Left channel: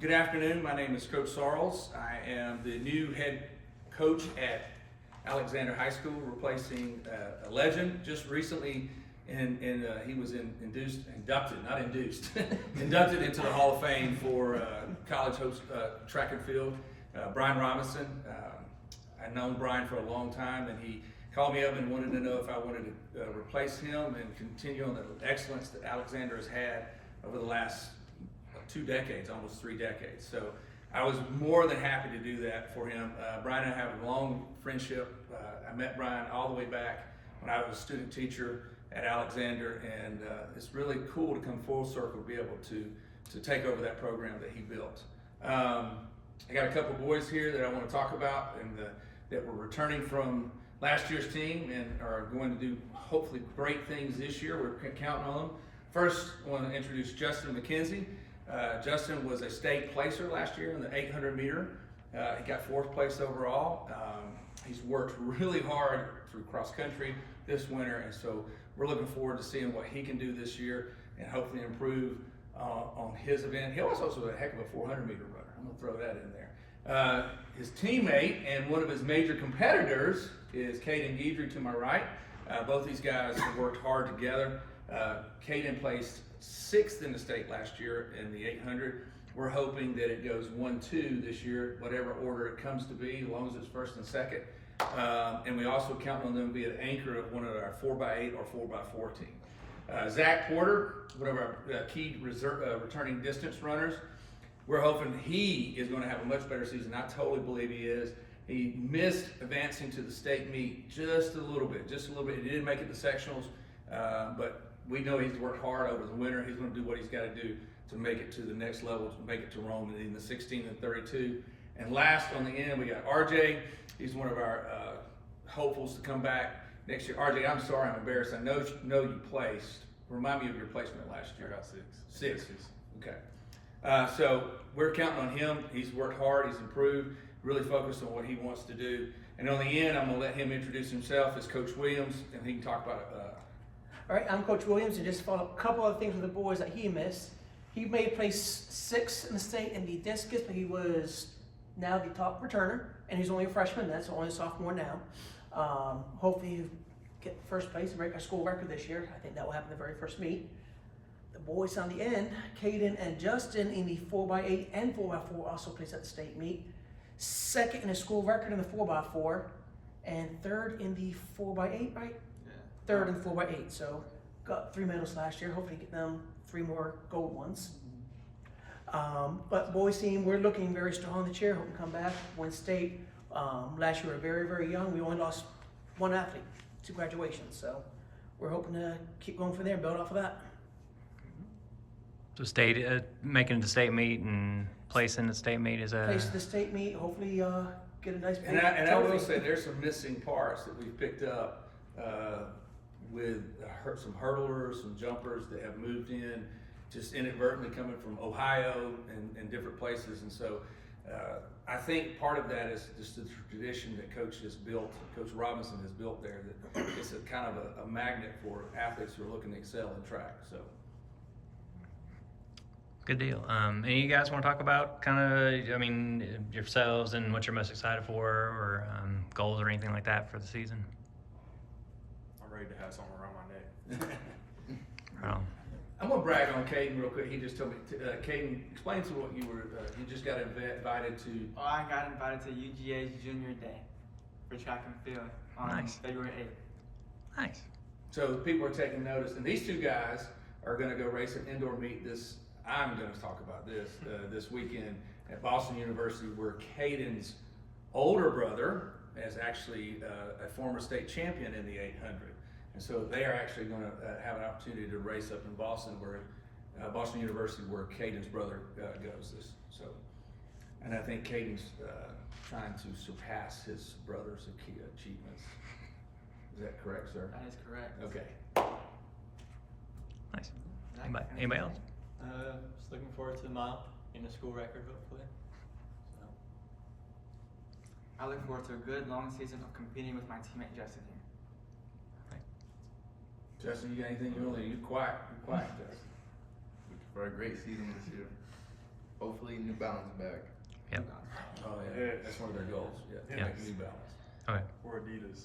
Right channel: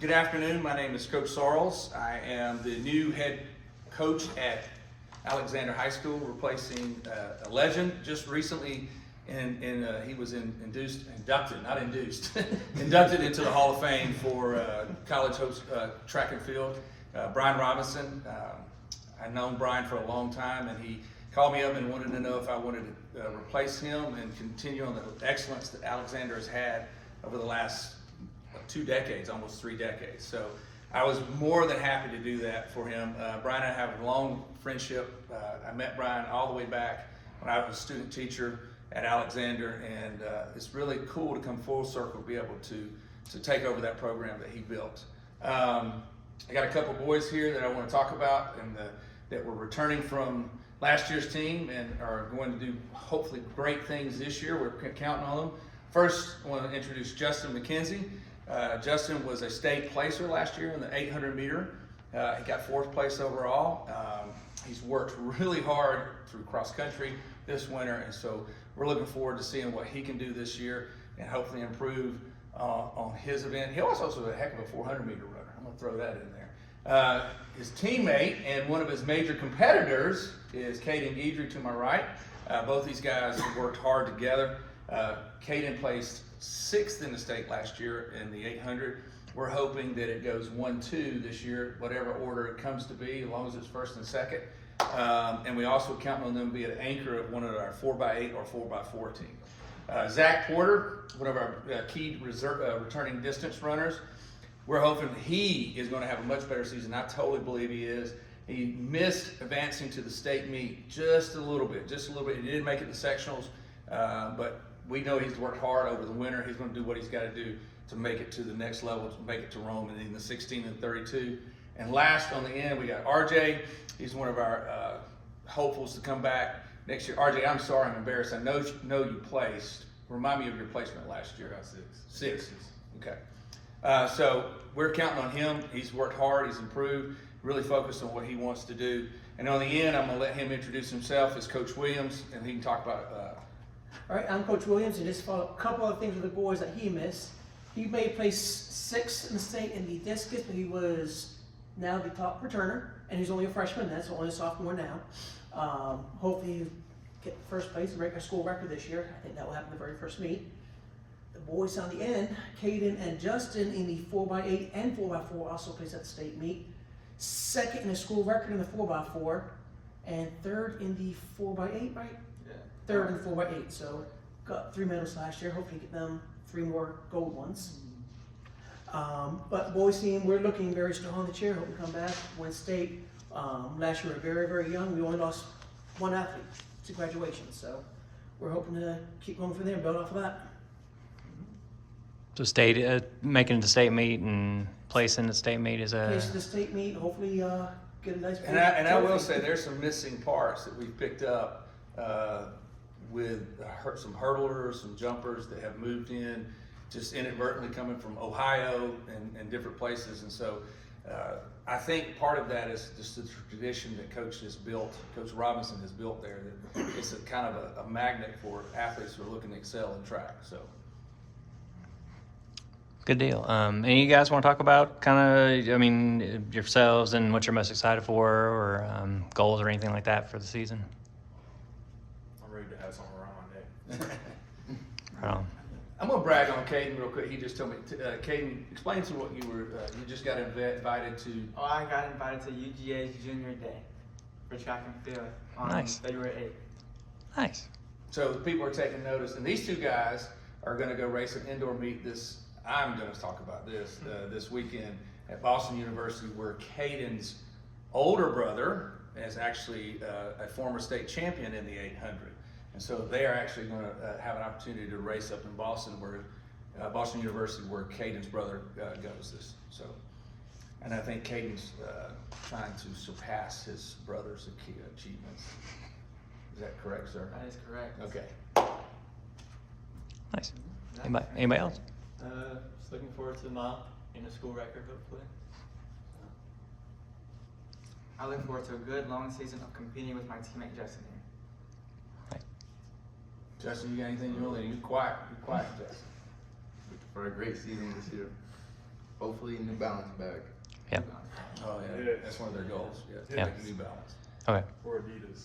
Good afternoon. My name is Coach Sarles. I am the new head coach at Alexander High School, replacing a legend just recently. He was inducted into the Hall of Fame for college host track and field. Brian Robinson. I've known Brian for a long time, and he called me up and wanted to know if I wanted to replace him and continue on the excellence that Alexander has had over the last 2 decades, almost 3 decades. So I was more than happy to do that for him. Brian and I have a long friendship. I met Brian all the way back when I was a student teacher at Alexander, and it's really cool to come full circle, be able to take over that program that he built. I got a couple boys here that I want to talk about, and that were returning from last year's team and are going to do hopefully great things this year. We're counting on them. First, I want to introduce Justin McKenzie. Justin was a state placer last year in the 800 meter. He got 4th place overall. He's worked really hard through cross country this winter, and so we're looking forward to seeing what he can do this year and hopefully improve on his event. He also was a heck of a 400 meter runner. I'm going to throw that in there. His teammate and one of his major competitors is Caden Guidry to my right. Both these guys have worked hard together. Caden placed 6th in the state last year in the 800. We're hoping that it goes 1-2 this year, whatever order it comes to be, as long as it's 1st and 2nd. And we also count on them to be an anchor of one of our 4x8 or 4x4 teams. Zach Porter, one of our key returning distance runners. We're hoping he is going to have a much better season. I totally believe he is. He missed advancing to the state meet just a little bit. He didn't make it to sectionals, but we know he's worked hard over the winter. He's going to do what he's got to do to make it to the next level, to make it to Rome in the 16 and 32. And last on the end, we got RJ. He's one of our hopefuls to come back next year. RJ, I'm sorry, I'm embarrassed. I know you placed. Remind me of your placement last year. I got 6. 6. Okay. So we're counting on him. He's worked hard. He's improved. Really focused on what he wants to do. And on the end, I'm going to let him introduce himself as Coach Williams, and he can talk about it. All right, I'm Coach Williams, and just for a couple of things with the boys that he missed. He may place 6th in the state in the discus, but he was now the top returner, and he's only a freshman then, so only a sophomore now. Hopefully he'll get 1st place and break our school record this year. I think that will happen the very first meet. The boys on the end, Caden and Justin in the 4x8 and 4x4 also placed at the state meet. 2nd in the school record in the 4x4, and 3rd in the 4x8, right? Yeah. 3rd in the 4x8, so got 3 medals last year. Hopefully get them 3 more gold ones. But boys team, we're looking very strong this year. Hope we come back, win state. Last year we were very, very young. We only lost 1 athlete to graduation, so we're hoping to keep going from there and build off of that. So state making it to state meet and placing the state meet is Place the state meet, hopefully get a nice. And I will say there's some missing parts that we've picked up with some hurdlers, some jumpers that have moved in just inadvertently coming from Ohio and different places. And so I think part of that is just the tradition that Coach Robinson has built there, that it's a kind of a magnet for athletes who are looking to excel in track. So. good deal. And you guys want to talk about kind of, yourselves and what you're most excited for, or goals or anything like that for the season? I'm ready to have something around my neck. Right on. I'm gonna brag on Caden real quick. He just told me, Caden, explain to what you just got invited to. Oh, I got invited to UGA's Junior Day for track and field on Nice. February 8th. Nice. So people are taking notice, and these 2 guys are gonna go race an indoor meet I'm gonna talk about this weekend at Boston University, where Caden's older brother is actually a former state champion in the 800. And so they are actually going to have an opportunity to race up in Boston, where Boston University, where Caden's brother goes. And I think Caden's trying to surpass his brother's achievements. Is that correct, sir? That is correct. Okay. Nice. Anybody else? Just looking forward to the mile and a school record, hopefully. I look forward to a good long season of competing with my teammate Justin here. Justin, you got anything you want to? You're quiet, Justin. For a great season this year. hopefully a New Balance bag. Yep. Oh, yeah, that's one of their goals, yeah, Yeah. take a New Balance. Okay. Or Adidas.